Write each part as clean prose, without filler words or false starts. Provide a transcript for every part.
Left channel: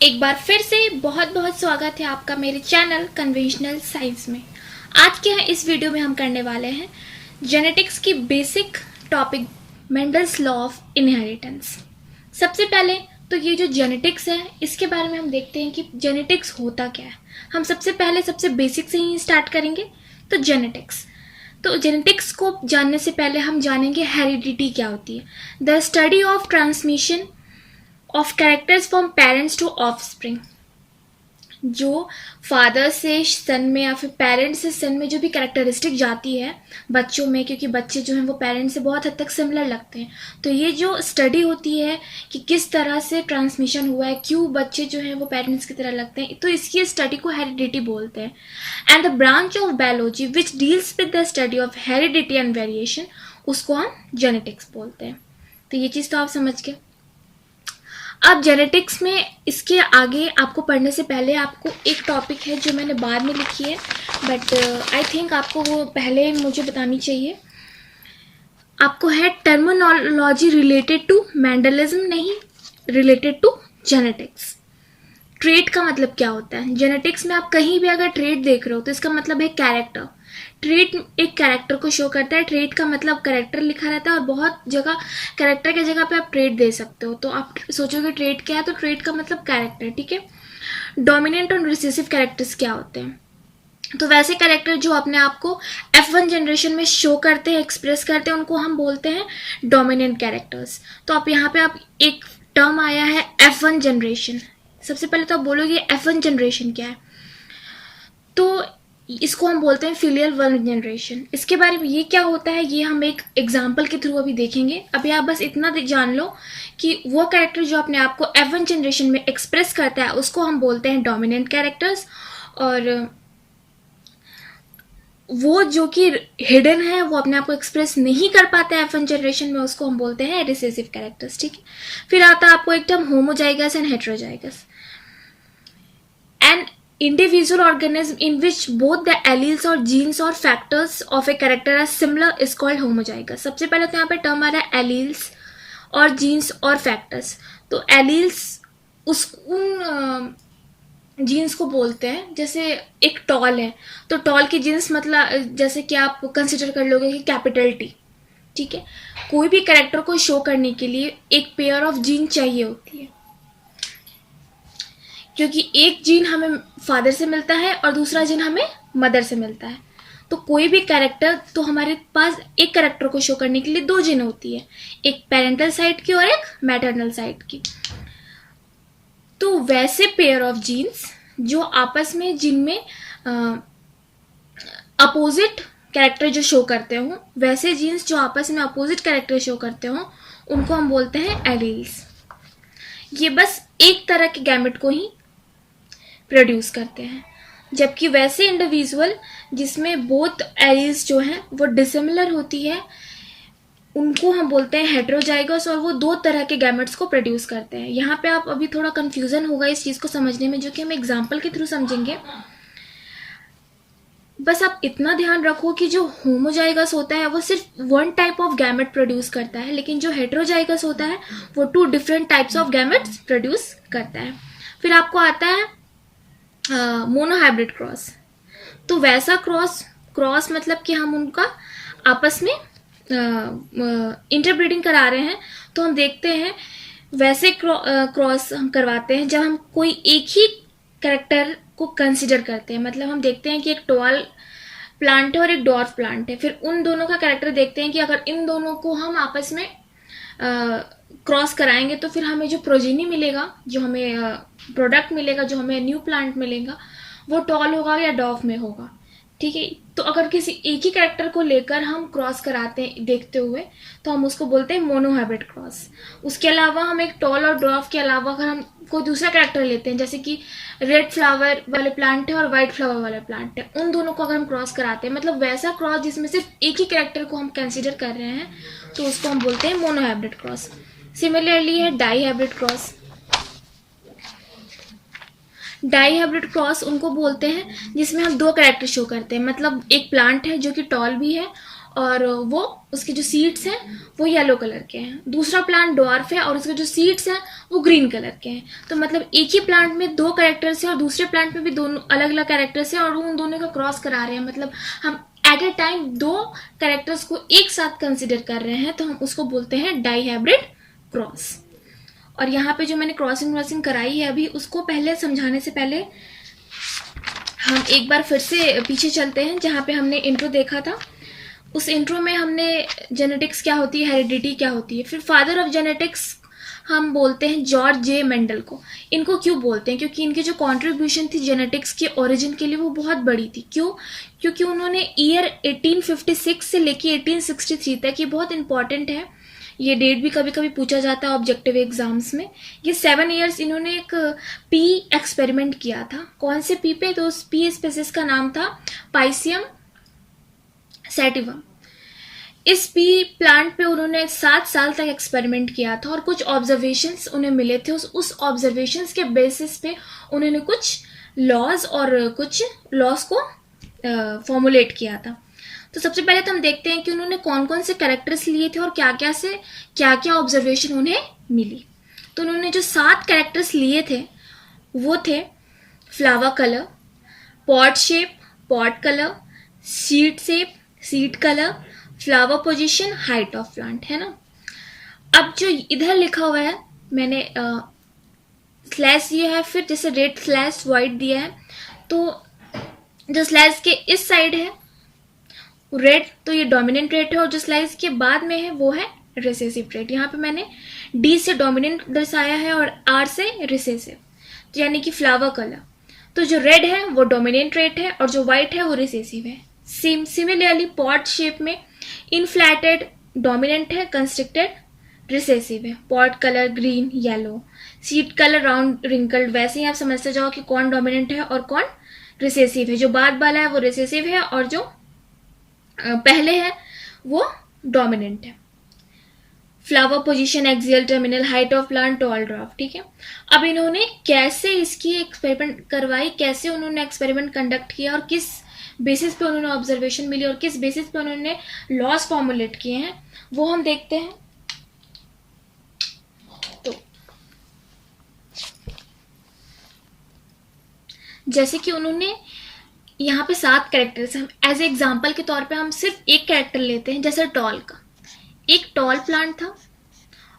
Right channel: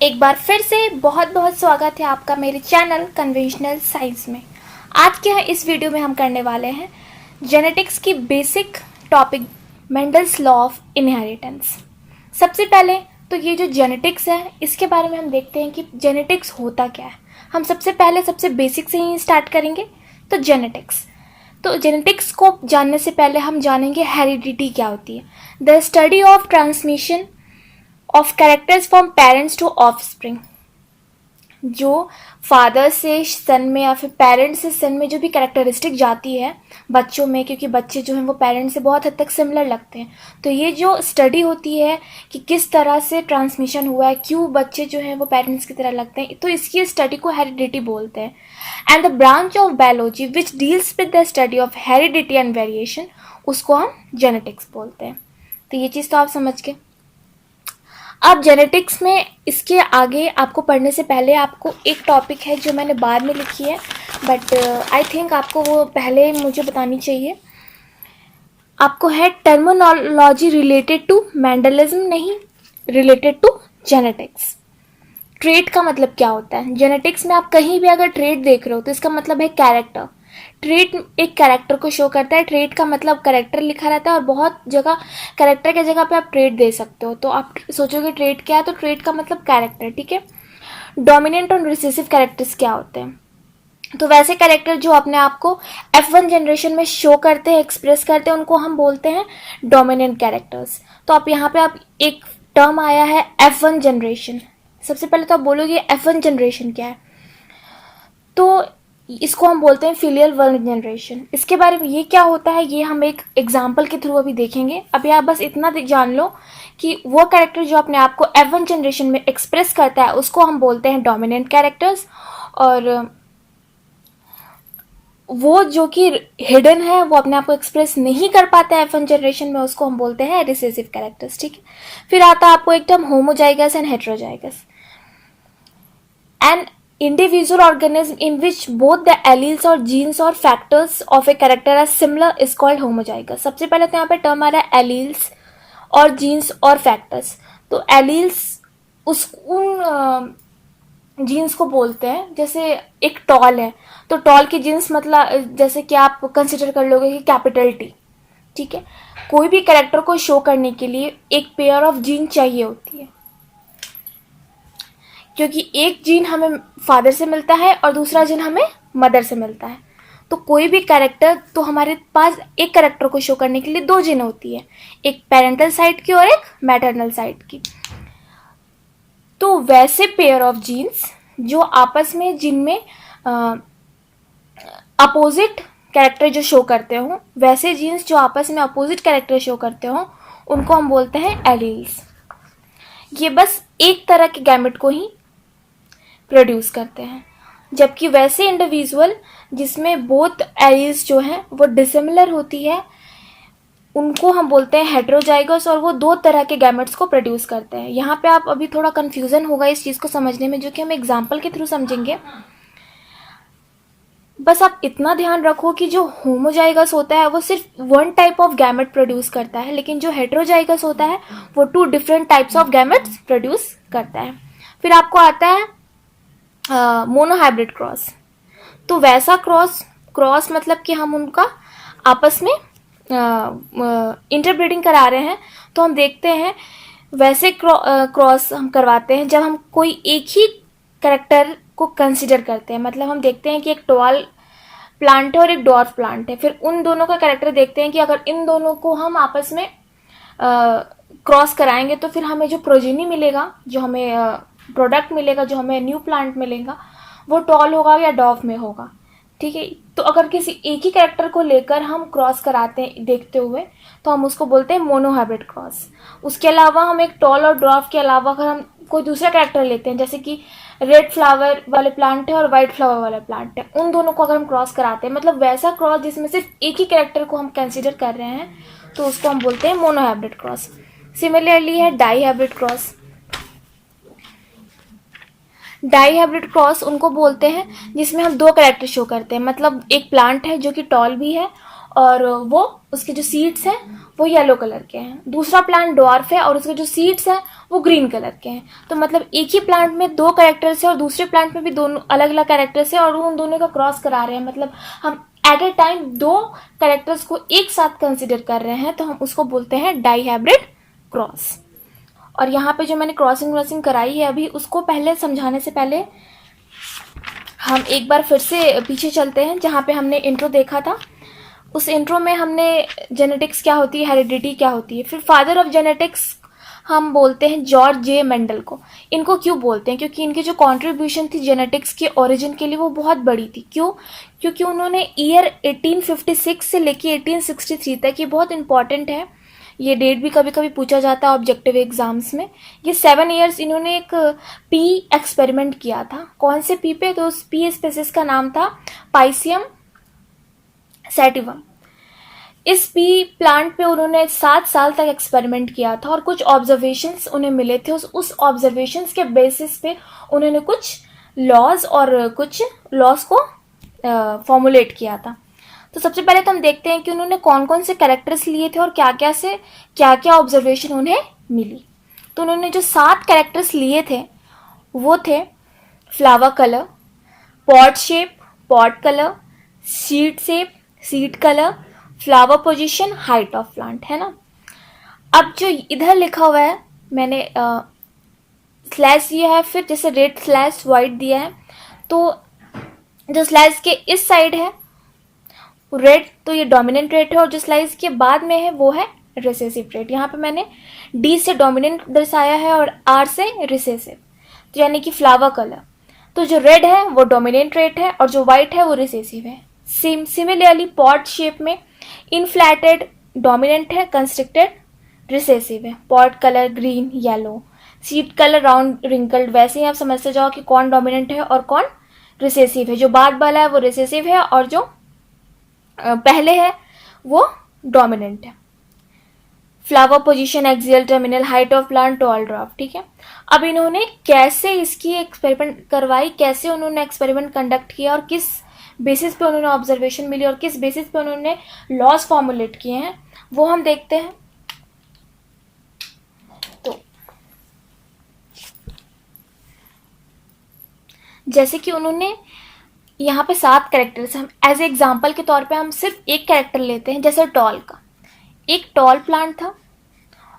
एक बार फिर से बहुत बहुत स्वागत है आपका मेरे चैनल कन्वेंशनल साइंस में। आज के इस वीडियो में हम करने वाले हैं जेनेटिक्स की basic topic, Mendel's law of inheritance. सबसे पहले तो ये जो जेनेटिक्स है इसके बारे में हम देखते हैं कि जेनेटिक्स होता क्या है। हम सबसे बेसिक से ही स्टार्ट करेंगे। तो जेनेटिक्स को जानने से पहले हम जानेंगे हेरिडिटी क्या होती है। The study of transmission of characters from parents to offspring. जो फादर से सन में या फिर पेरेंट्स से सन में जो भी कैरेक्टरिस्टिक जाती है बच्चों में, क्योंकि बच्चे जो हैं वो पेरेंट्स से बहुत हद तक सिमिलर लगते हैं, तो ये जो स्टडी होती है कि किस तरह से ट्रांसमिशन हुआ है, क्यों बच्चे जो हैं वो पेरेंट्स की तरह लगते हैं, तो इसकी स्टडी को हेरिडिटी बोलते हैं। And the branch of biology which deals with the study of heredity and variation, उसको हम जेनेटिक्स बोलते हैं। तो ये चीज़ तो आप समझ गए। अब जेनेटिक्स में इसके आगे आपको पढ़ने से पहले आपको एक टॉपिक है जो मैंने बाद में लिखी है, बट आई थिंक आपको वो पहले मुझे बतानी चाहिए। आपको है टर्मिनोलॉजी रिलेटेड टू मेंडलिज्म, नहीं रिलेटेड टू जेनेटिक्स। ट्रेट का मतलब क्या होता है? जेनेटिक्स में आप कहीं भी अगर ट्रेट देख रहे हो तो इसका मतलब है कैरेक्टर। ट्रेट एक कैरेक्टर को शो करता है। ट्रेट का मतलब कैरेक्टर लिखा रहता है और बहुत जगह कैरेक्टर के जगह पे आप ट्रेट दे सकते हो। तो आप सोचोगे ट्रेट क्या है, तो ट्रेट का मतलब कैरेक्टर, ठीक है। डोमिनेंट और रिसेसिव कैरेक्टर्स क्या होते हैं? तो वैसे कैरेक्टर जो अपने आप को F1 जनरेशन में शो करते हैं, एक्सप्रेस करते हैं, उनको हम बोलते हैं डोमिनेंट कैरेक्टर्स। तो आप यहाँ पे आप एक टर्म आया है F1 जनरेशन। सबसे पहले तो आप बोलोगे F1 जनरेशन क्या है, तो इसको हम बोलते हैं फिलियल वन जनरेशन। इसके बारे में ये क्या होता है ये हम एक एग्जाम्पल के थ्रू अभी देखेंगे। अभी आप बस इतना जान लो कि वो कैरेक्टर जो अपने आप को F1 जनरेशन में एक्सप्रेस करता है उसको हम बोलते हैं डोमिनेंट कैरेक्टर्स, और वो जो कि हिडन है, वो अपने आप को एक्सप्रेस नहीं कर पाता है F1 जनरेशन में, उसको हम बोलते हैं रिसेसिव कैरेक्टर्स, ठीक है। फिर आता है आपको एक term homozygous and heterozygous. And individual organism in which both the alleles or genes or factors of a character are similar is called homozygous। सबसे पहले तो यहाँ पे टर्म आ रहा है alleles और genes और factors। तो alleles उन जीन्स को बोलते हैं। जैसे एक टॉल है तो टॉल की जीन्स मतलब जैसे कि आप कंसिडर कर लोगे कि कैपिटल T, ठीक है। कोई भी कैरेक्टर को शो करने के लिए एक पेयर ऑफ जीन चाहिए होती है, क्योंकि एक जीन हमें फादर से मिलता है और दूसरा जीन हमें मदर से मिलता है। तो कोई भी कैरेक्टर, तो हमारे पास एक कैरेक्टर को शो करने के लिए दो जीन होती है, एक पेरेंटल साइड की और एक मैटरनल साइड की। तो वैसे पेयर ऑफ जीन्स जो आपस में, जिनमें अपोजिट कैरेक्टर जो शो करते हो, वैसे जीन्स जो आपस में अपोजिट कैरेक्टर शो करते हो, उनको हम बोलते हैं एलील्स। ये बस एक तरह के गैमेट को ही प्रोड्यूस करते हैं, जबकि वैसे इंडिविजुअल जिसमें बोथ एलील्स जो हैं वो डिसिमिलर होती है, उनको हम बोलते हैं हेटेरोजाइगस, और वो दो तरह के गैमेट्स को प्रोड्यूस करते हैं। यहाँ पे आप अभी थोड़ा कंफ्यूजन होगा इस चीज़ को समझने में, जो कि हम एग्जाम्पल के थ्रू समझेंगे। बस आप इतना ध्यान रखो कि जो होमोजाइगस होता है वो सिर्फ one type of gamete produce करता है, लेकिन जो हेटेरोजाइगस होता है वो two different types of gametes produce करता है। फिर आपको आता है मोनोहाइब्रिड क्रॉस। तो वैसा क्रॉस मतलब कि हम उनका आपस में इंटरब्रीडिंग करा रहे हैं। तो हम देखते हैं वैसे क्रॉस हम करवाते हैं जब हम कोई एक ही कैरेक्टर को कंसिडर करते हैं। मतलब हम देखते हैं कि एक टॉल प्लांट है और एक डॉर्फ प्लांट है, फिर उन दोनों का कैरेक्टर देखते हैं कि अगर इन दोनों को हम आपस में क्रॉस कराएंगे तो फिर हमें जो प्रोजेनी मिलेगा, जो हमें प्रोडक्ट मिलेगा, जो हमें न्यू प्लांट मिलेगा, वो टॉल होगा या डॉर्फ में होगा, ठीक है। तो अगर किसी एक ही कैरेक्टर को लेकर हम क्रॉस कराते हैं देखते हुए, तो हम उसको बोलते हैं मोनोहाइब्रिड क्रॉस। उसके अलावा हम एक टॉल और डॉर्फ के अलावा अगर हम कोई दूसरा कैरेक्टर लेते हैं, जैसे कि रेड फ्लावर वाले प्लांट है और वाइट फ्लावर वाले प्लांट है, उन दोनों को अगर हम क्रॉस कराते हैं, मतलब वैसा क्रॉस जिसमें सिर्फ एक ही कैरेक्टर को हम कंसिडर कर रहे हैं, तो उसको हम बोलते हैं मोनोहाइब्रिड क्रॉस। सिमिलरली है डाईहाइब्रिड क्रॉस। डाईहाइब्रिड क्रॉस उनको बोलते हैं जिसमें हम दो कैरेक्टर शो करते हैं, मतलब एक प्लांट है जो कि टॉल भी है और वो उसके जो सीड्स हैं वो येलो कलर के हैं। दूसरा प्लांट ड्वार्फ है और उसके जो सीड्स हैं वो ग्रीन कलर के हैं। तो मतलब एक ही प्लांट में दो कैरेक्टर्स है और दूसरे प्लांट में भी दोनों अलग अलग कैरेक्टर्स है और उन दोनों का क्रॉस करा रहे हैं। मतलब हम एट ए टाइम दो कैरेक्टर्स को एक साथ कंसिडर कर रहे हैं, तो हम उसको बोलते हैं डाई हाइब्रिड क्रॉस। और यहाँ पे जो मैंने क्रॉसिंग कराई है अभी, उसको पहले समझाने से पहले हम एक बार फिर से पीछे चलते हैं, जहाँ पे हमने इंट्रो देखा था। उस इंट्रो में हमने जेनेटिक्स क्या होती है, हेरिडिटी क्या होती है, फिर फादर ऑफ जेनेटिक्स हम बोलते हैं जॉर्ज जे मेंडल को। इनको क्यों बोलते हैं? क्योंकि इनकी जो कंट्रीब्यूशन थी जेनेटिक्स के ओरिजिन के लिए वो बहुत बड़ी थी। क्यों? क्योंकि उन्होंने ईयर 1856 से लेके 1863 तक, ये बहुत इंपॉर्टेंट है, ये डेट भी कभी कभी पूछा जाता है ऑब्जेक्टिव एग्जाम्स में। ये 7 ईयर्स इन्होंने एक पी एक्सपेरिमेंट किया था। कौन से पी पे? तो उस पी स्पेसिस का नाम था पाइसियम सैटिवम। इस पी प्लांट पे उन्होंने 7 साल तक एक्सपेरिमेंट किया था और कुछ ऑब्जर्वेशंस उन्हें मिले थे। उस ऑब्जर्वेशंस के बेसिस पे उन्होंने कुछ लॉज को फॉर्मुलेट किया था। तो सबसे पहले तो हम देखते हैं कि उन्होंने कौन कौन से कैरेक्टर्स लिए थे और क्या क्या ऑब्जर्वेशन उन्हें मिली। तो उन्होंने जो 7 कैरेक्टर्स लिए थे वो थे flower colour, pot shape, pot colour, seed colour, flower position, height of plant, है ना। अब जो इधर लिखा हुआ है मैंने स्लैश दिया है, फिर जैसे रेड स्लैश वाइट दिया है, तो जो स्लैश के इस साइड है रेड, तो ये डोमिनेंट ट्रेट है, और जो स्लाइस के बाद में है वो है रिसेसिव ट्रेट। यहाँ पे मैंने डी से डोमिनेंट दर्शाया है और आर से रिसेसिव, तो यानी कि फ्लावर कलर। तो जो रेड है वो डोमिनेंट ट्रेट है और जो व्हाइट है वो रिसेसिव है। सिमिलरली पॉट शेप में इनफ्लैटेड डोमिनेंट है, कंस्ट्रिक्टेड रिसेसिव है। Pot colour green yellow, seed colour round wrinkled. वैसे ही आप समझते जाओ कि कौन डोमिनेंट है और कौन रिसेसिव है। जो बाद वाला है वो रिसेसिव है और जो पहले है वो डोमिनेंट है। Flower position, axial terminal, height of plant, tall draft, ठीक है। अब इन्होंने कैसे इसकी एक्सपेरिमेंट करवाई, कैसे उन्होंने एक्सपेरिमेंट कंडक्ट किया और किस बेसिस पे उन्होंने ऑब्जर्वेशन मिली और किस बेसिस पे उन्होंने लॉज फॉर्मुलेट किए हैं, वो हम देखते हैं। तो जैसे कि उन्होंने यहाँ पे 7 कैरेक्टर्स, हम एज ए एग्जाम्पल के तौर पे हम सिर्फ एक कैरेक्टर लेते हैं। जैसे टॉल का, एक टॉल प्लांट था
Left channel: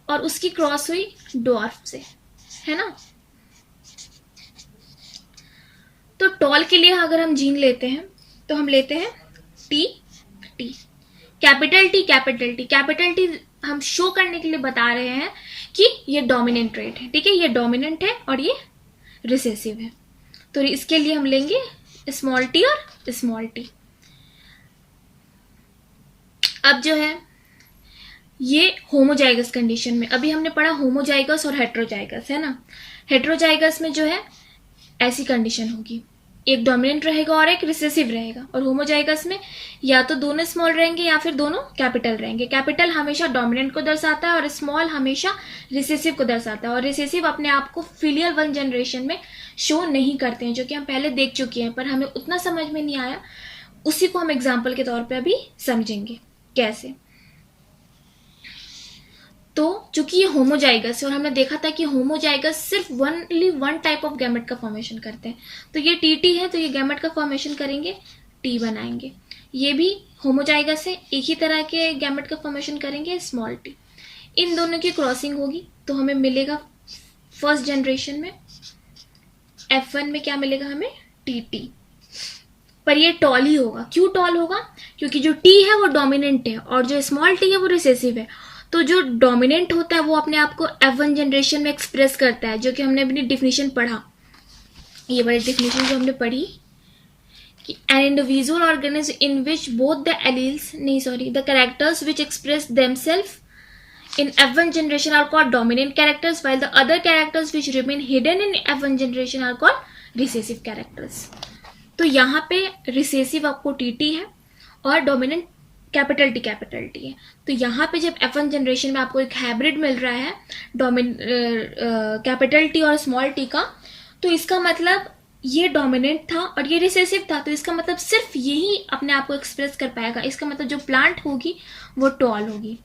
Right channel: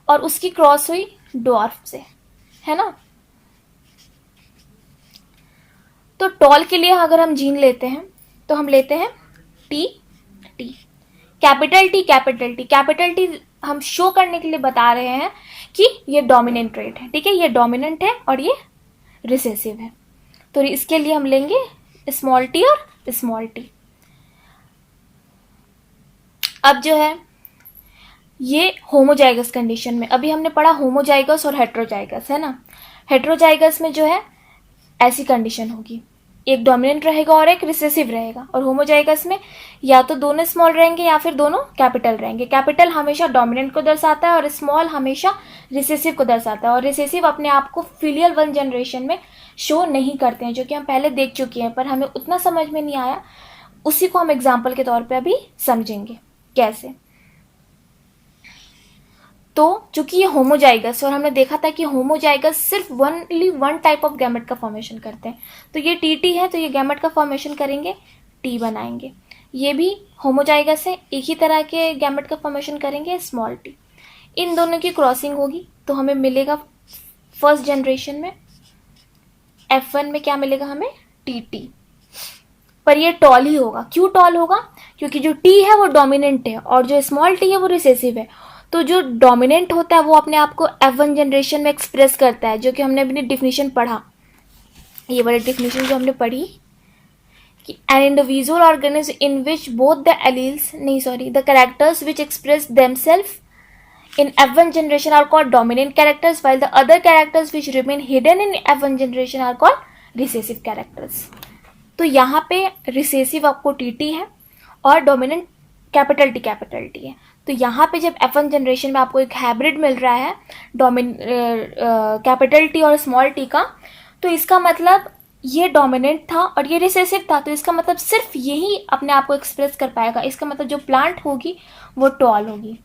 और उसकी क्रॉस हुई ड्वार्फ से, है ना। तो टॉल के लिए अगर हम जीन लेते हैं तो हम लेते हैं T T, capital T capital T. Capital T हम शो करने के लिए बता रहे हैं कि ये डोमिनेंट ट्रेट है, ठीक है, ये डोमिनेंट है और ये रिसेसिव है। तो इसके लिए हम लेंगे स्मॉल टी और स्मॉल टी। अब जो है ये होमोजाइगस कंडीशन में, अभी हमने पढ़ा होमोजाइगस और हेट्रोजाइगस, है ना। हेट्रोजाइगस में जो है ऐसी कंडीशन होगी, एक डोमिनेंट रहेगा और एक रिसेसिव रहेगा, और होमोजाइगस में या तो दोनों स्मॉल रहेंगे या फिर दोनों कैपिटल रहेंगे। कैपिटल हमेशा डोमिनेंट को दर्शाता है और स्मॉल हमेशा रिसेसिव को दर्शाता है, और रिसेसिव अपने आप को फिलियल 1 जनरेशन में शो नहीं करते हैं, जो कि हम पहले देख चुके हैं, पर हमें उतना समझ में नहीं आया। उसी को हम एग्जाम्पल के तौर पे अभी समझेंगे कैसे। तो चूंकि ये होमोजाइगस, और हमने देखा था कि होमोजाइगस सिर्फ ओनली 1 टाइप ऑफ गैमेट का फॉर्मेशन करते हैं, तो ये टीटी है, तो ये गैमेट का फॉर्मेशन करेंगे, टी बनाएंगे। ये भी होमोजाइगस है, एक ही तरह के गैमेट का फॉर्मेशन करेंगे, स्मॉल टी। इन दोनों की क्रॉसिंग होगी तो हमें मिलेगा फर्स्ट जनरेशन में F1 में क्या मिलेगा हमें, टी। पर ये टॉल ही होगा। क्यों टॉल होगा? क्योंकि जो टी है वो डोमिनेंट है और जो स्मॉल टी है वो रिसेसिव है। तो जो डोमिनेंट होता है वो अपने आप को F1 जनरेशन में एक्सप्रेस करता है, जो कि हमने अपनी डिफिनीशन पढ़ा, ये वाली डिफिनीशन जो हमने पढ़ी कि an individual organism in which both the characters which express themselves in F1 generation are called dominant characters, while the other characters which remain hidden in F1 generation are called recessive characters. तो यहाँ पे recessive आपको T है और dominant capital T है। तो यहाँ पे जब F1 जनरेशन में आपको एक हाइब्रिड मिल रहा है कैपिटल टी और स्मॉल टी का, तो इसका मतलब ये डोमिनेंट था और ये रिसेसिव था, तो इसका मतलब सिर्फ यही अपने आप को एक्सप्रेस कर पाएगा। इसका मतलब जो प्लांट होगी वो टॉल होगी।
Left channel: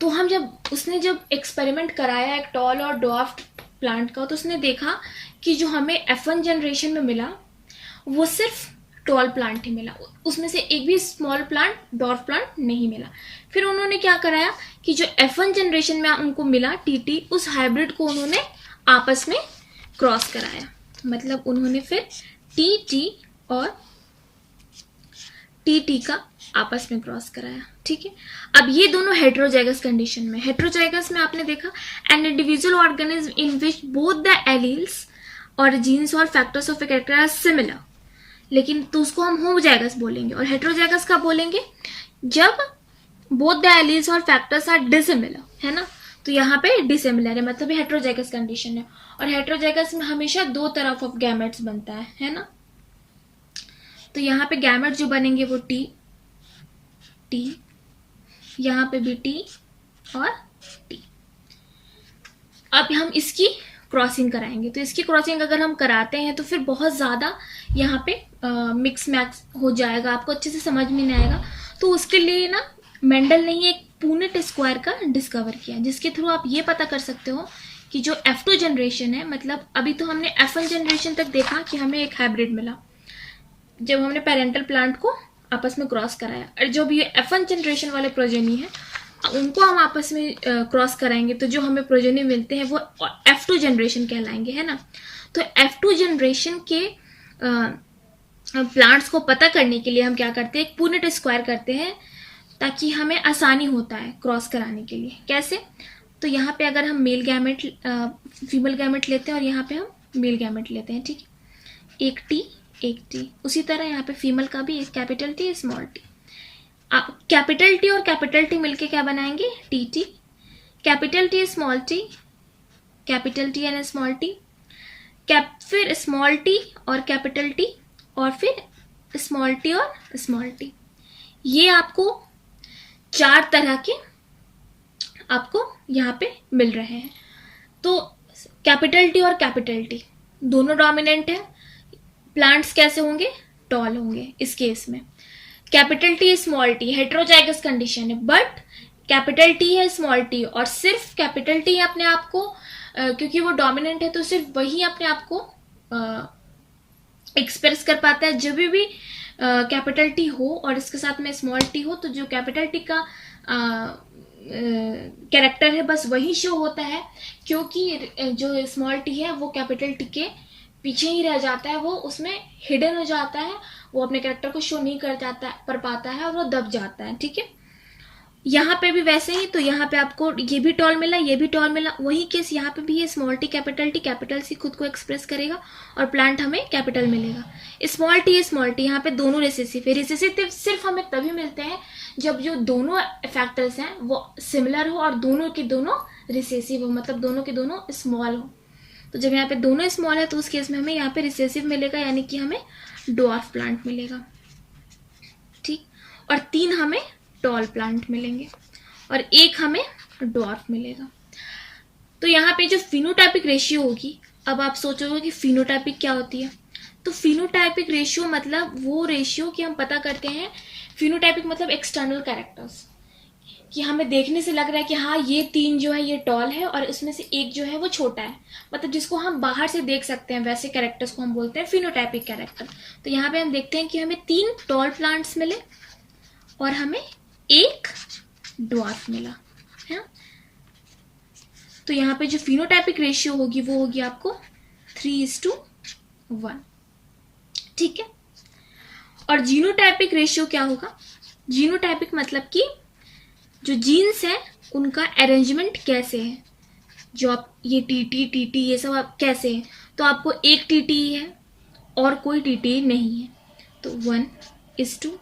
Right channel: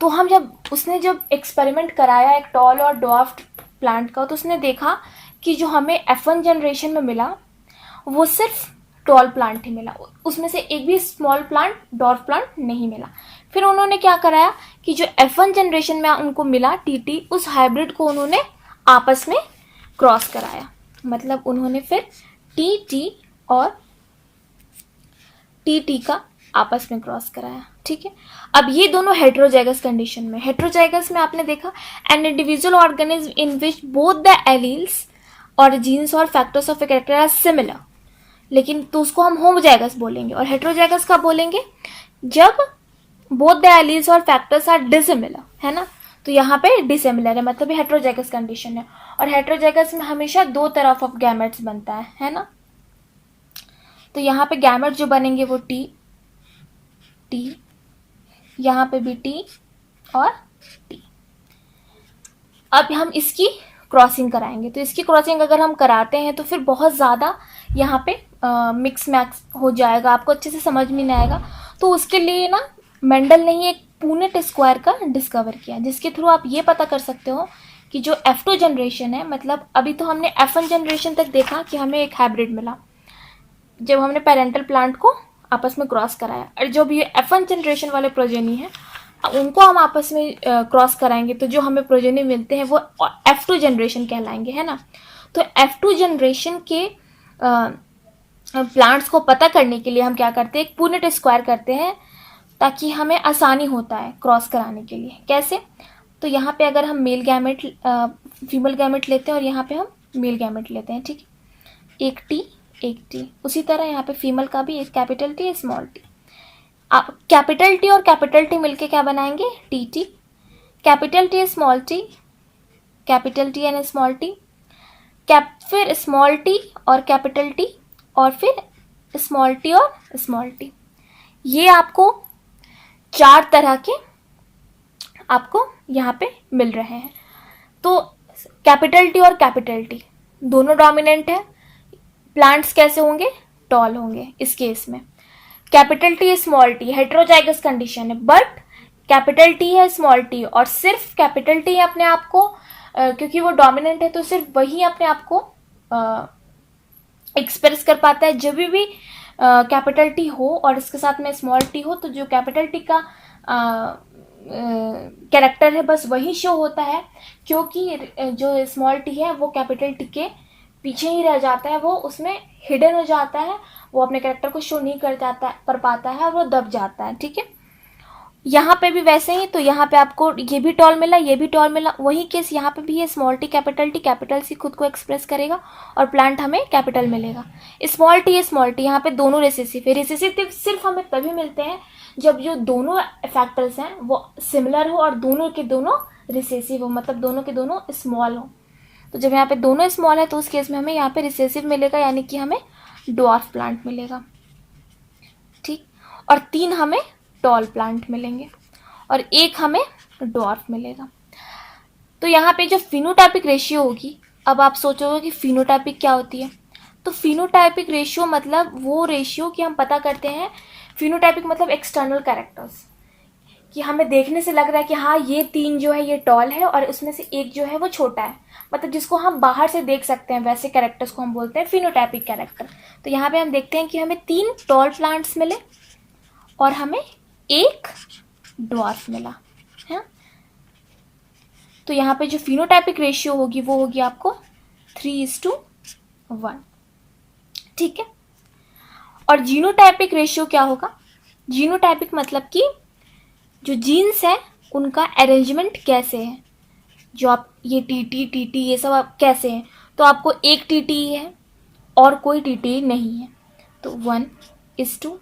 तो हम जब एक्सपेरिमेंट कराया एक टॉल और ड्वार्फ प्लांट का, तो उसने देखा कि जो हमें F1 जनरेशन में मिला वो सिर्फ टॉल प्लांट ही मिला, उसमें से एक भी स्मॉल प्लांट डॉर्फ प्लांट नहीं मिला। फिर उन्होंने क्या कराया कि जो F1 जनरेशन में उनको मिला TT, उस हाइब्रिड को उन्होंने आपस में क्रॉस कराया। मतलब उन्होंने फिर TT और TT का आपस में क्रॉस कराया। ठीक है, अब ये दोनों हेट्रोजाइगस कंडीशन में। हेट्रोजाइगस में आपने देखा an individual organism in which both the alleles और जीन्स और factors of a character are similar, लेकिन तो उसको हम होमोजाइगस बोलेंगे। और हेट्रोजाइगस का बोलेंगे जब बोथ द एलील्स और फैक्टर्स आर डिसिमिलर, है ना। तो यहाँ पे डिसिमिलर है, मतलब हेट्रोजाइगस कंडीशन है। और हेट्रोजाइगस में हमेशा दो तरफ ऑफ गैमेट्स बनता है ना। तो यहाँ पे गैमेट जो बनेंगे वो टी, यहाँ पे भी टी और टी। अब हम इसकी क्रॉसिंग कराएंगे। तो इसकी क्रॉसिंग अगर हम कराते हैं तो फिर बहुत ज़्यादा यहाँ पे मिक्स मैक्स हो जाएगा, आपको अच्छे से समझ में नहीं आएगा। तो उसके लिए ना मेंडल ने एक पूनेट स्क्वायर का डिस्कवर किया, जिसके थ्रू आप ये पता कर सकते हो कि जो F2 जनरेशन है, मतलब अभी तो हमने F1 जनरेशन तक देखा कि हमें एक हाइब्रिड मिला जब हमने पेरेंटल प्लांट को आपस में क्रॉस कराया, और जो भी F1 जनरेशन वाले प्रोजेनी है उनको हम आपस में क्रॉस कराएंगे तो जो हमें प्रोजेनी मिलते हैं वो F2 जनरेशन कहलाएंगे, है ना। तो F2 जनरेशन के प्लांट्स को पता करने के लिए हम क्या करते हैं, एक पूनेट स्क्वायर करते हैं ताकि हमें आसानी होता है क्रॉस कराने के लिए। कैसे, तो यहाँ पे अगर हम मेल गैमेट फीमेल गैमेट लेते हैं और यहाँ पे हम मेल गैमेट लेते हैं, ठीक है, एक टी। उसी तरह यहाँ पे फीमेल का भी एक capital T small T. Capital T और कैपिटल टी मिलके क्या बनाएंगे, T. Capital T small T, capital T and small T, फिर स्मॉल टी और कैपिटल टी, और फिर स्मॉल टी और स्मॉल टी। ये आपको 4 तरह के आपको यहाँ पे मिल रहे हैं। तो कैपिटल टी और कैपिटल टी दोनों डोमिनेंट है। प्लांट्स कैसे होंगे, टॉल होंगे इस केस में। Capital T small T heterozygous condition है, बट कैपिटल टी है स्मॉल टी, और सिर्फ कैपिटल टी अपने आप को क्योंकि वो डोमिनेंट है तो सिर्फ वही अपने आप को एक्सप्रेस कर पाता है। जब भी कैपिटल टी हो और इसके साथ में स्मॉल टी हो तो जो कैपिटल टी का कैरेक्टर है बस वही शो होता है, क्योंकि जो स्मॉल टी है वो कैपिटल टी के पीछे ही रह जाता है, वो उसमें हिडन हो जाता है, वो अपने कैरेक्टर को शो नहीं कर पाता है और वो दब जाता है। ठीक है, यहाँ पे भी वैसे ही। तो यहाँ पे आपको ये भी टॉल मिला, ये भी टॉल मिला, वही केस यहाँ पे भी है। स्मॉल टी कैपिटल सी खुद को एक्सप्रेस करेगा और प्लांट हमें कैपिटल मिलेगा। स्मॉल टी यहाँ पे दोनों रिसेसिव है। रिसेसिव सिर्फ हमें तभी मिलते हैं जब जो दोनों फैक्टर्स हैं वो सिमिलर हो और दोनों के दोनों रिसेसिव हो, मतलब दोनों के दोनों स्मॉल हो। तो जब यहाँ पे दोनों स्मॉल है तो उस केस में हमें यहाँ पे रिसेसिव मिलेगा, यानी कि हमें ड्वार्फ प्लांट मिलेगा। ठीक, और 3 हमें टॉल प्लांट मिलेंगे और 1 हमें ड्वार्फ मिलेगा। तो यहाँ पे जो फिनोटाइपिक रेशियो होगी, अब आप सोचोगे कि फिनोटाइपिक क्या होती है। तो फिनोटाइपिक रेशियो मतलब वो रेशियो कि हम पता करते हैं, फिनोटाइपिक मतलब एक्सटर्नल कैरेक्टर्स, कि हमें देखने से लग रहा है कि हाँ ये 3 जो है ये टॉल है और उसमें से 1 जो है वो छोटा है, मतलब जिसको हम बाहर से देख सकते हैं, वैसे कैरेक्टर्स को हम बोलते हैं फिनोटाइपिक कैरेक्टर। तो यहाँ पे हम देखते हैं कि हमें 3 टॉल प्लांट्स मिले और हमें 1 ड्वार्फ मिला है। तो यहाँ पे जो फिनोटाइपिक रेशियो होगी वो होगी आपको 3:1। ठीक है, और जीनोटाइपिक रेशियो क्या होगा, जीनोटाइपिक मतलब कि जो जीन्स है उनका अरेंजमेंट कैसे है, जो आप ये टीटी ये सब आप कैसे हैं। तो आपको एक टीटी है और कोई टीटी नहीं है, तो 1:2।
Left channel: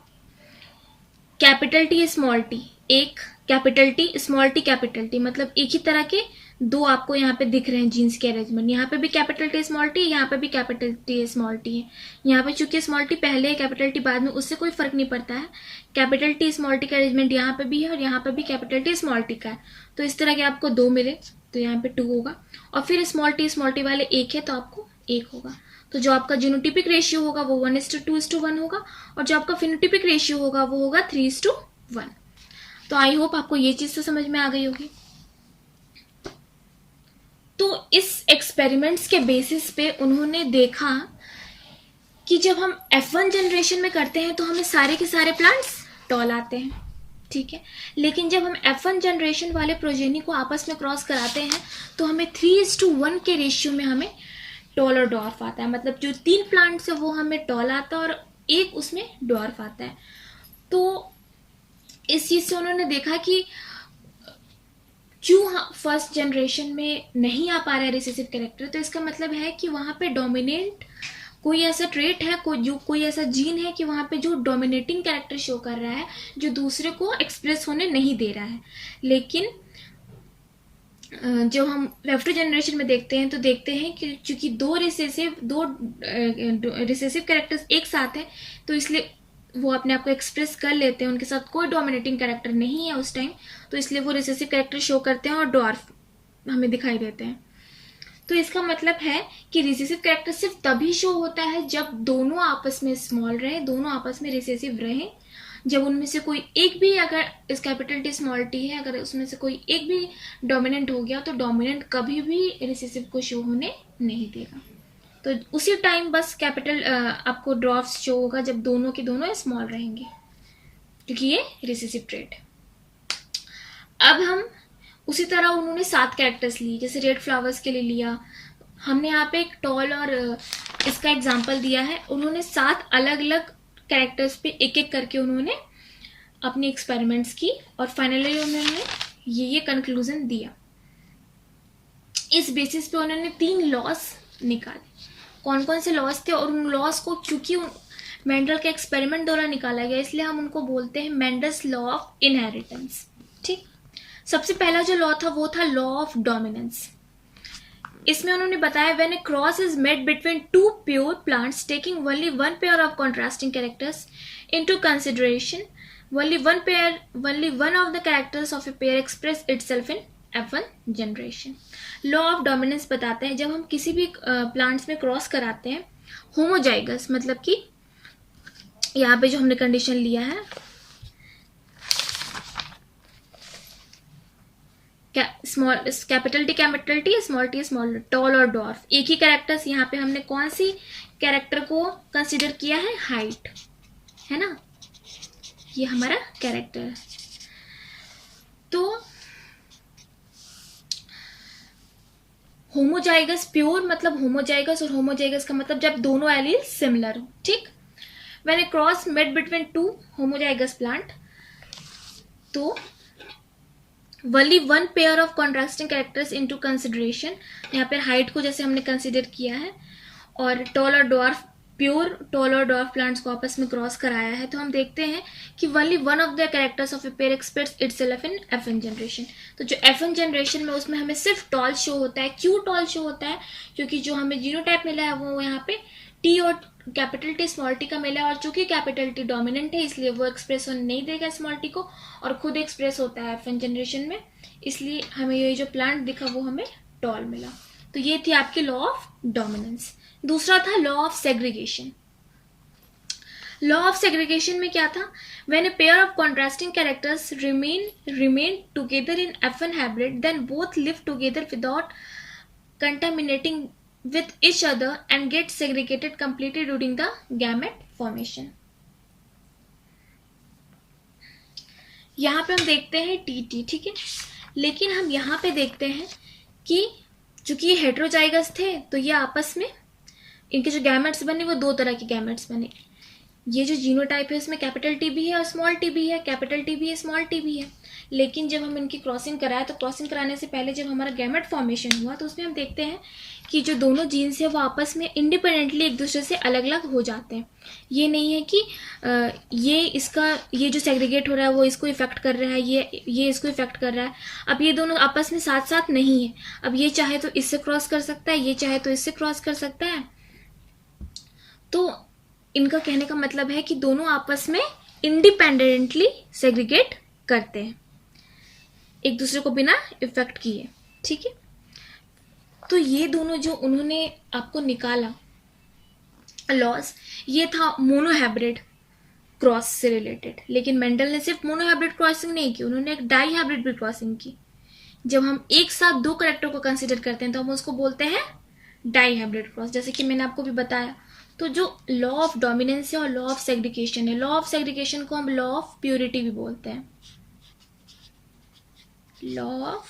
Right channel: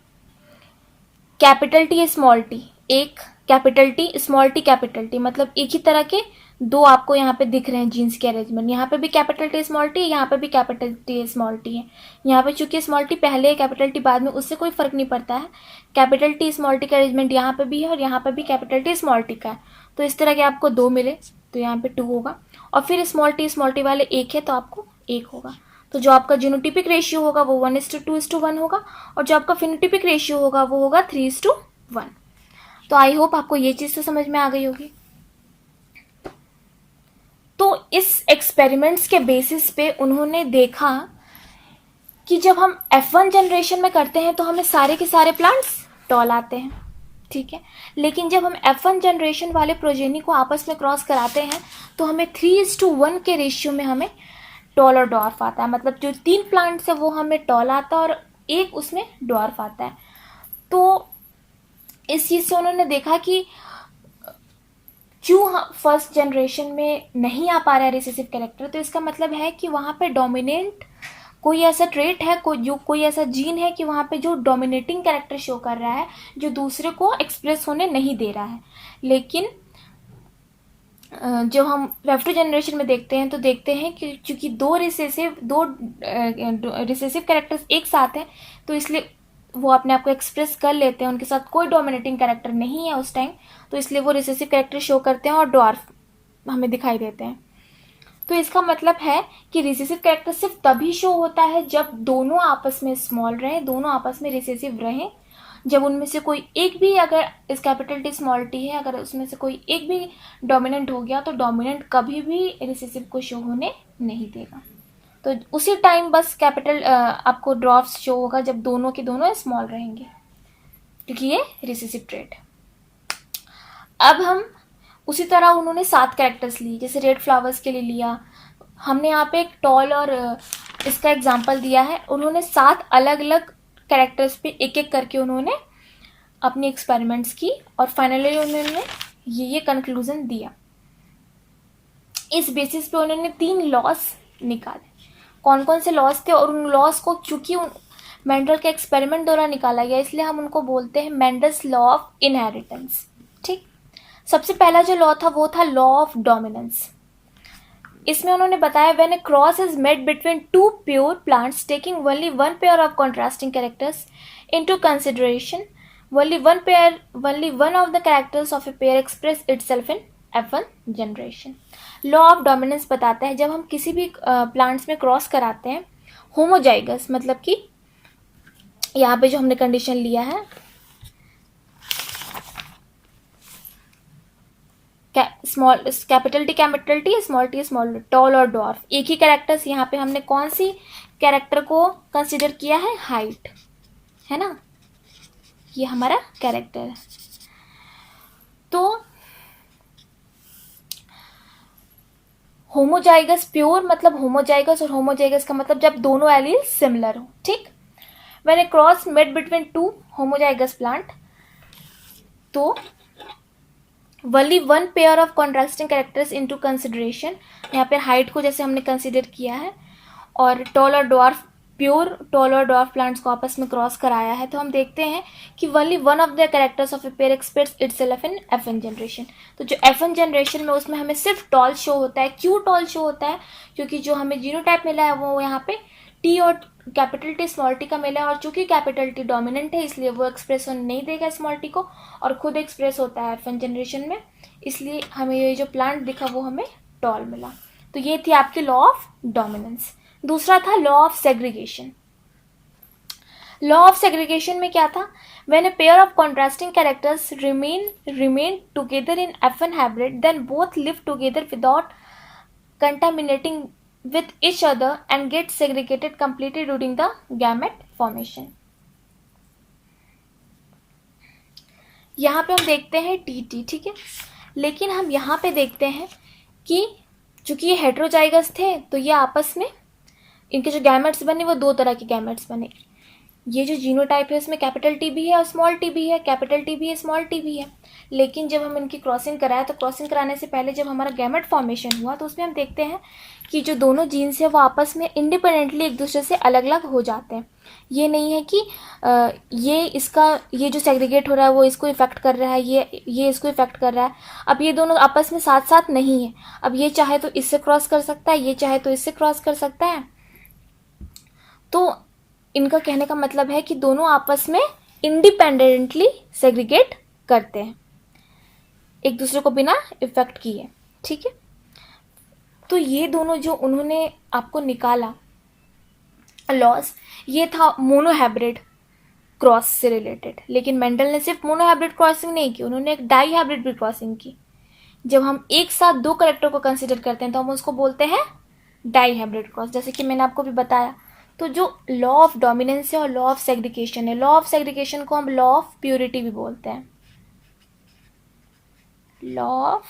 कैपिटल टी स्मॉल टी, एक capital T small T capital T, मतलब एक ही तरह के 2 आपको यहाँ पे दिख रहे हैं जीन्स के अरेंजमेंट। यहाँ पे भी कैपिटल टी स्मॉल टी, यहाँ पे भी कैपिटल टी स्मॉल टी है। यहाँ पे चूंकि स्मॉल टी पहले है कैपिटल टी बाद में, उससे कोई फर्क नहीं पड़ता है। कैपिटल टी स्मॉल टी का अरेंजमेंट यहाँ पे भी है और यहाँ पे भी कैपिटल टी स्मॉल टी का है। तो इस तरह के आपको 2 मिले, तो यहाँ पे 2 होगा, और फिर स्मॉल टी वाले 1 है तो आपको 1 होगा। तो जो आपका जीनोटिपिक रेशियो होगा वो 1:2:1 होगा, और जो आपका फिनोटिपिक रेशियो होगा वो होगा 3:1। तो आई होप आपको ये चीज़ तो समझ में आ गई होगी। तो इस एक्सपेरिमेंट्स के बेसिस पे उन्होंने देखा कि जब हम F1 जनरेशन में करते हैं तो हमें सारे के सारे प्लांट्स टॉल आते हैं, ठीक है, लेकिन जब हम F1 जनरेशन वाले प्रोजेनी को आपस में क्रॉस कराते हैं तो हमें 3:1 के रेशियो में हमें टॉल और डॉर्फ आता है। मतलब जो 3 प्लांट्स है वो हमें टॉल आता है और 1 उसमें डॉर्फ आता है। तो इस चीज़ से उन्होंने देखा कि क्यों फर्स्ट जनरेशन में नहीं आ पा रहा है रिसेसिव कैरेक्टर, तो इसका मतलब है कि वहाँ पे डोमिनेंट कोई ऐसा ट्रेट है, कोई ऐसा जीन है कि वहाँ पे जो डोमिनेटिंग कैरेक्टर शो कर रहा है, जो दूसरे को एक्सप्रेस होने नहीं दे रहा है। लेकिन जो हम F2 जनरेशन में देखते हैं तो देखते हैं कि चूंकि दो रिसेसिव कैरेक्टर्स एक साथ हैं, तो इसलिए वो अपने आप को एक्सप्रेस कर लेते हैं, उनके साथ कोई डोमिनेटिंग कैरेक्टर नहीं है उस टाइम, तो इसलिए वो रिसेसिव कैरेक्टर शो करते हैं और डॉर्फ हमें दिखाई देते हैं। तो इसका मतलब है कि रिसेसिव कैरेक्टर सिर्फ तभी शो होता है जब दोनों आपस में स्मॉल रहे, दोनों आपस में रिसेसिव रहे। जब उनमें से कोई एक भी, अगर इस कैपिटल टी स्मॉल टी है, अगर उसमें से कोई एक भी डोमिनेंट हो गया तो डोमिनेंट कभी भी रिसेसिव को शो होने नहीं देगा। तो उसी टाइम बस कैपिटल आपको ड्रॉफ्ट शो होगा जब दोनों के दोनों स्मॉल रहेंगे, क्योंकि ये रिसेसिव ट्रेट है। अब हम उसी तरह उन्होंने 7 कैरेक्टर्स लिए, जैसे रेड फ्लावर्स के लिए लिया हमने, यहाँ पे एक टॉल और इसका एग्जांपल दिया है। उन्होंने 7 अलग अलग कैरेक्टर्स पे एक एक करके उन्होंने अपनी एक्सपेरिमेंट्स की और फाइनली उन्होंने ये कंक्लूजन दिया। इस बेसिस पे उन्होंने 3 लॉस निकाले। कौन कौन से लॉस थे, और उन लॉस को चूंकि मेंडल के एक्सपेरिमेंट द्वारा निकाला गया इसलिए हम उनको बोलते हैं मेंडल्स लॉ ऑफ इनहेरिटेंस। ठीक, सबसे पहला जो लॉ था वो था लॉ ऑफ डोमिनेंस। इसमें उन्होंने बताया when A cross is made between 2 pure plants taking only 1 pair of contrasting characters into consideration, only one of the characters of a pair express itself in F1 generation. Law of dominance बताता है जब हम किसी भी plants में cross कराते हैं homozygous, मतलब कि यहाँ पे जो हमने कंडीशन लिया है small capital T small tall और डॉर्फ, एक ही कैरेक्टर्स। यहाँ पे हमने कौन सी कैरेक्टर को कंसिडर किया है, हाइट, है ना, ये हमारा कैरेक्टर है। तो होमोजाइगस प्योर मतलब होमोजाइगस, और होमोजाइगस का मतलब जब दोनों एलील सिमिलर हो। ठीक, when A cross made between 2 homozygous plant, तो only 1 pair of contrasting characters into consideration, यहाँ पे हाइट को जैसे हमने कंसिडर किया है, और टॉल और डॉर्फ, प्योर टॉल और डॉर्फ प्लांट्स को आपस में क्रॉस कराया है, तो हम देखते हैं कि only one of the characters of a pair express itself in F1 generation. तो जो F1 जनरेशन में उसमें हमें सिर्फ टॉल शो होता है। क्यों टॉल शो होता है, क्योंकि जो हमें जीनोटाइप मिला है वो यहाँ पे टी और कैपिटल टी स्मॉल टी का मिला है, और चूंकि कैपिटल टी डोमिनेंट है इसलिए वो एक्सप्रेस होने नहीं देगा स्मॉल टी को, और खुद एक्सप्रेस होता है F1 जनरेशन में, इसलिए हमें ये जो प्लांट दिखा वो हमें टॉल मिला। तो ये थी आपकी लॉ ऑफ डोमिनेंस। दूसरा था law of segregation. Law of segregation में क्या था, when a pair of contrasting characters remain together in F1 hybrid then both live together without contaminating with each other and get segregated completely during the gamete formation. यहाँ पे हम देखते हैं T, ठीक है, लेकिन हम यहाँ पे देखते हैं कि चूंकि ये हेट्रोजाइगस थे तो ये आपस में इनके जो गैमेट्स बने वो 2 तरह के गैमेट्स बने। ये जो जीनोटाइप है इसमें कैपिटल टी भी है और स्मॉल टी भी है, कैपिटल टी भी है स्मॉल टी भी है। लेकिन जब हम इनकी क्रॉसिंग कराए तो क्रॉसिंग कराने से पहले जब हमारा गैमेट फॉर्मेशन हुआ तो उसमें हम देखते हैं कि जो दोनों जीन्स है वो आपस में इंडिपेंडेंटली एक दूसरे से अलग अलग हो जाते हैं। ये नहीं है कि ये जो सेग्रीगेट हो रहा है वो इसको इफेक्ट कर रहा है, ये इसको इफेक्ट कर रहा है। अब ये दोनों आपस में साथ साथ नहीं है। अब ये चाहे तो इससे क्रॉस कर सकता है, ये चाहे तो इससे क्रॉस कर सकता है। तो इनका कहने का मतलब है कि दोनों आपस में इंडिपेंडेंटली सेग्रीगेट करते हैं एक दूसरे को बिना इफेक्ट किए। ठीक है, तो ये दोनों जो उन्होंने आपको निकाला लॉज, ये था मोनोहाइब्रिड क्रॉस से रिलेटेड। लेकिन मेंडल ने सिर्फ मोनोहाइब्रिड क्रॉसिंग नहीं की, उन्होंने एक डाई हाइब्रिड भी क्रॉसिंग की। जब हम एक साथ दो कैरेक्टर को कंसिडर करते हैं तो हम उसको बोलते हैं डाई हाइब्रिड क्रॉस, जैसे कि मैंने आपको भी बताया। तो जो लॉ ऑफ डोमिनेंस है और लॉ ऑफ सेग्रीगेशन है, लॉ ऑफ सेग्रीगेशन को हम लॉ ऑफ प्योरिटी भी बोलते हैं, लॉ ऑफ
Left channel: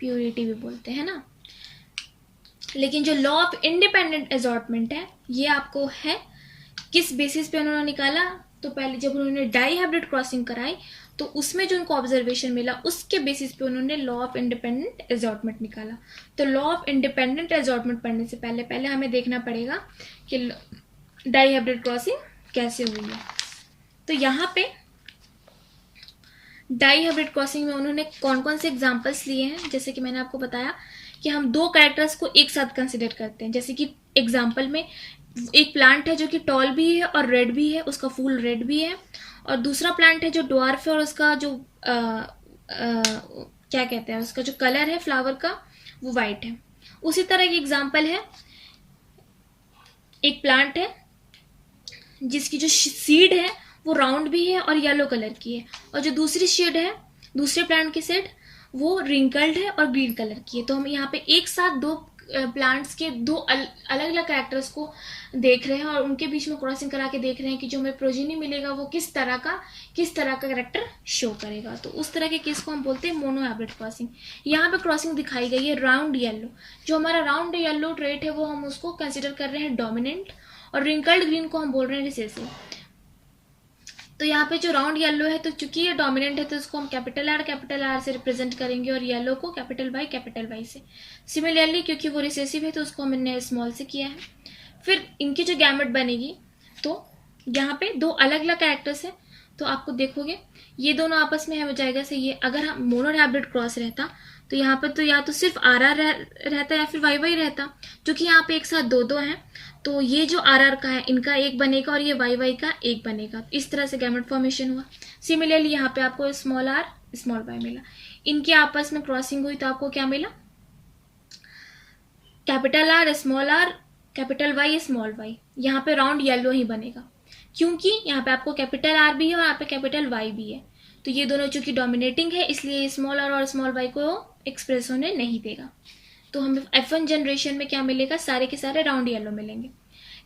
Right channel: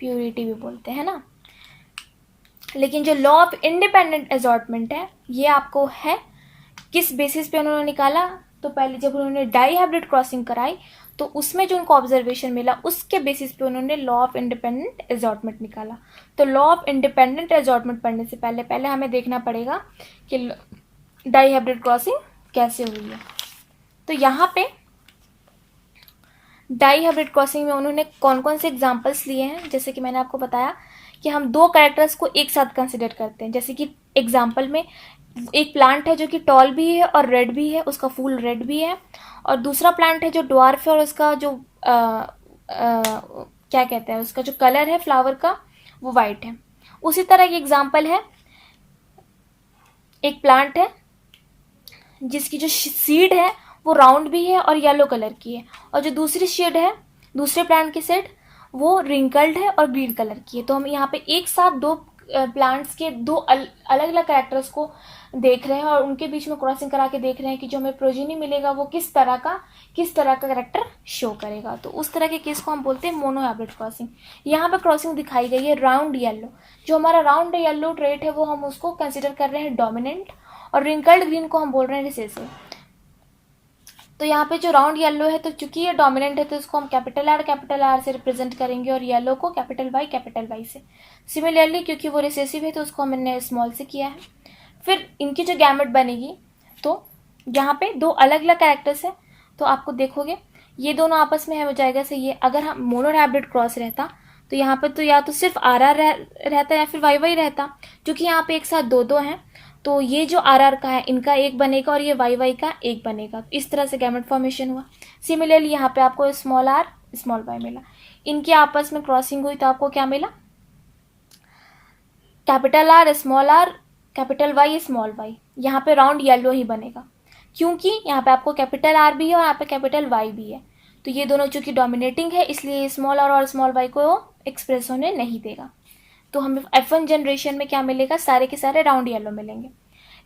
प्योरिटी भी बोलते हैं ना। लेकिन जो लॉ ऑफ इंडिपेंडेंट असॉर्टमेंट है, ये आपको है किस बेसिस पे उन्होंने निकाला। तो पहले जब उन्होंने डाई हाइब्रिड क्रॉसिंग कराई तो उसमें जो उनको ऑब्जर्वेशन मिला उसके बेसिस पे उन्होंने लॉ ऑफ इंडिपेंडेंट असॉर्टमेंट निकाला। तो लॉ ऑफ इंडिपेंडेंट असॉर्टमेंट पढ़ने से पहले हमें देखना पड़ेगा कि डाई हाइब्रिड क्रॉसिंग कैसे हुई है। तो यहाँ पे डाई हाइब्रिड क्रॉसिंग में उन्होंने कौन कौन से एग्जाम्पल्स लिए हैं, जैसे कि मैंने आपको बताया कि हम दो कैरेक्टर्स को एक साथ कंसिडर करते हैं। जैसे कि एग्जाम्पल में एक प्लांट है जो कि टॉल भी है और रेड भी है, उसका फूल रेड भी है, और दूसरा प्लांट है जो ड्वार्फ है और उसका जो क्या कहते हैं, उसका जो कलर है फ्लावर का वो वाइट है। उसी तरह की एग्जाम्पल है, एक प्लांट है जिसकी जो सीड है वो राउंड भी है और येलो कलर की है, और जो दूसरी शेड है दूसरे प्लांट की शेड वो रिंकल्ड है और ग्रीन कलर की है। तो हम यहाँ पे एक साथ दो प्लांट्स के दो अलग अलग कैरेक्टर्स को देख रहे हैं और उनके बीच में क्रॉसिंग करा के देख रहे हैं कि जो हमें प्रोजेनी मिलेगा वो किस तरह का कैरेक्टर शो करेगा। तो उस तरह के केस को हम बोलते हैं मोनोहाइब्रिड क्रॉसिंग। यहाँ पे क्रॉसिंग दिखाई गई है राउंड येलो, जो हमारा राउंड येलो ट्रेट है वो हम उसको कंसिडर कर रहे हैं डोमिनेंट, और रिंकल्ड ग्रीन को हम बोल रहे हैं रिसेसिव। तो यहाँ पे जो राउंड येलो है, तो चूंकि ये डोमिनेंट है तो इसको हम कैपिटल आर से रिप्रेजेंट करेंगे और येलो को कैपिटल वाई से। सिमिलरली क्योंकि वो रिसेसिव है तो उसको हमने स्मॉल से किया है। फिर इनकी जो गैमेट बनेगी, तो यहाँ पे दो अलग अलग कैरेक्टर्स हैं, तो आपको देखोगे ये दोनों आपस में है हो जाएगा से ये। अगर हम मोनोहाइब्रिड क्रॉस रहता तो यहाँ पर तो या तो सिर्फ आर रहता या फिर वाई रहता। क्योंकि यहाँ पे एक साथ दो हैं तो ये जो आर का है इनका एक बनेगा और ये वाई का एक बनेगा। इस तरह से गैमेट फॉर्मेशन हुआ। सिमिलरली यहाँ पे आपको स्मॉल आर स्मॉल वाई मिला, इनकी आपस में क्रॉसिंग हुई तो आपको क्या मिला, capital R capital Y small Y. यहाँ पे राउंड येलो ही बनेगा क्योंकि यहाँ पे आपको कैपिटल आर भी है और यहाँ पे कैपिटल वाई भी है। तो ये दोनों चूंकि डोमिनेटिंग है इसलिए स्मॉल आर और स्मॉल वाई को एक्सप्रेस होने नहीं देगा। तो हमें F1 जनरेशन में क्या मिलेगा, सारे के सारे राउंड येलो मिलेंगे।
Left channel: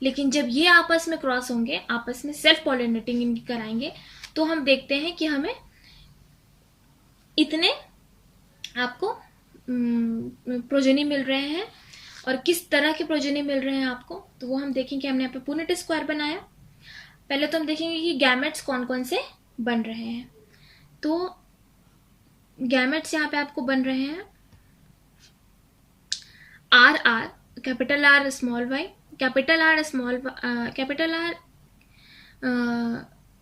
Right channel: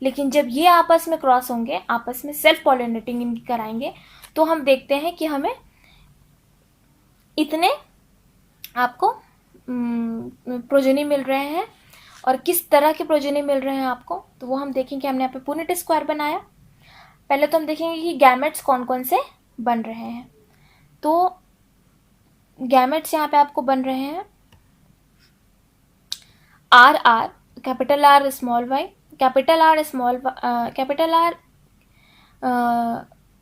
लेकिन जब ये आपस में क्रॉस होंगे, आपस में सेल्फ पॉलिनेटिंग इनकी कराएंगे, तो हम देखते हैं कि हमें इतने आपको प्रोजेनी मिल रहे हैं और किस तरह के प्रोजेनी मिल रहे हैं आपको, तो वो हम देखेंगे। हमने यहाँ पे पुनेट स्क्वायर बनाया। पहले तो हम देखेंगे कि गैमेट्स कौन कौन से बन रहे हैं। तो गैमेट्स यहाँ पे आपको बन रहे हैं R capital R small Y, capital R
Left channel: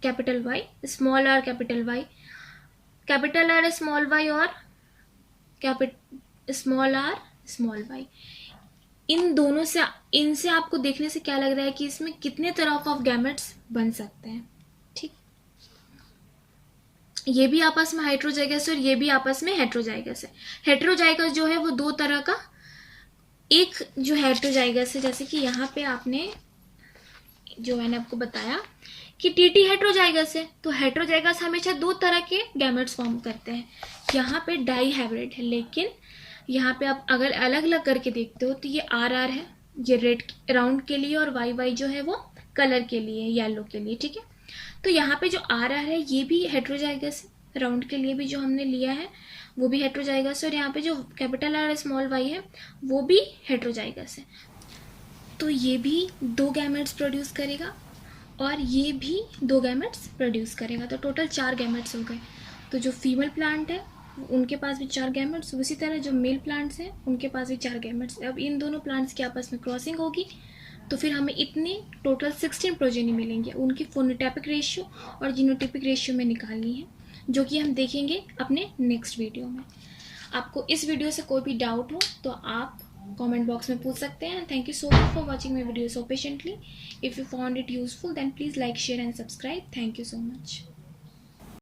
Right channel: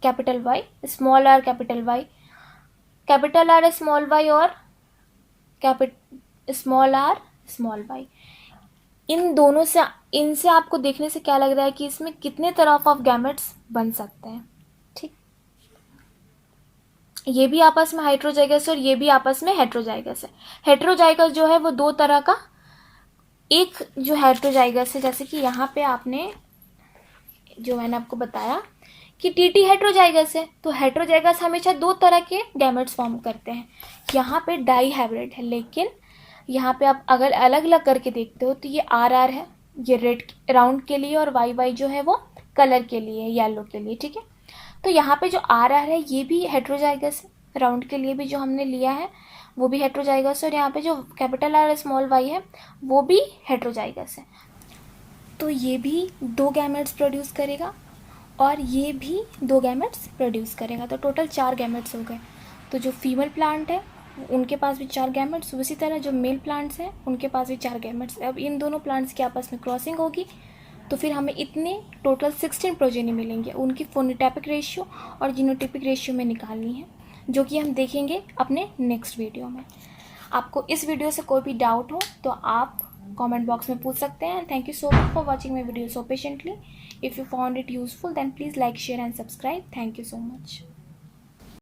capital Y, small R capital Y, capital R small Y और स्मॉल आर स्मॉल वाई। इन दोनों से इनसे आपको देखने से क्या लग रहा है कि इसमें कितने तरह ऑफ गैमेट्स बन सकते हैं। ठीक, ये भी आपस में हेट्रोजाइगस है और ये भी आपस में हेट्रोजाइगस है। हेट्रोजाइगस जो है वो दो तरह का, एक जो हेट्रोजाइगस है, जैसे कि यहाँ पे आपने जो मैंने आपको बताया कि टीटी हेट्रोजाइगस है, तो हेट्रोजाइगस हमेशा दो तरह के गैमेट्स फॉर्म करते हैं। यहाँ पे डाई हाइब्रिड है, लेकिन यहाँ पे आप अगर अलग अलग करके देखते हो तो ये आर है, ये रेड राउंड के लिए, और वाई जो है वो कलर के लिए, येलो के लिए। ठीक है, तो यहाँ पे जो आर है ये भी हेट्रोजाइगस है, राउंड के लिए भी जो हमने लिया है वो भी हेट्रोजाइगस है, और यहाँ पे जो कैपिटल आर स्मॉल वाई है वो भी हेट्रोजाइगस है। तो ये भी दो गैमेट्स प्रोड्यूस करेगा और ये भी दो गैमेट्स प्रोड्यूस करेगा, तो टोटल 4 गैमेट्स हो गए। तो जो फीमेल प्लांट है उनके पास भी 4 गैमेट्स, उसी तरह जो मेल प्लांट्स हैं उनके पास भी 4 गैमेट्स। अब इन दोनों प्लांट्स की आपस में क्रॉसिंग होगी तो फिर हमें इतने टोटल 16 प्रोजेनी मिलेंगे। उनकी फोनोटाइपिक रेशियो और जीनोटाइपिक रेशियो में निकालनी है, जो कि हम देखेंगे अपने नेक्स्ट वीडियो में। आपको इस वीडियो से कोई भी डाउट हो तो आप कमेंट बॉक्स में पूछ सकते हैं। Thank you so much for watching my video so patiently. If you found it useful then please like, share and subscribe. Thank you so much.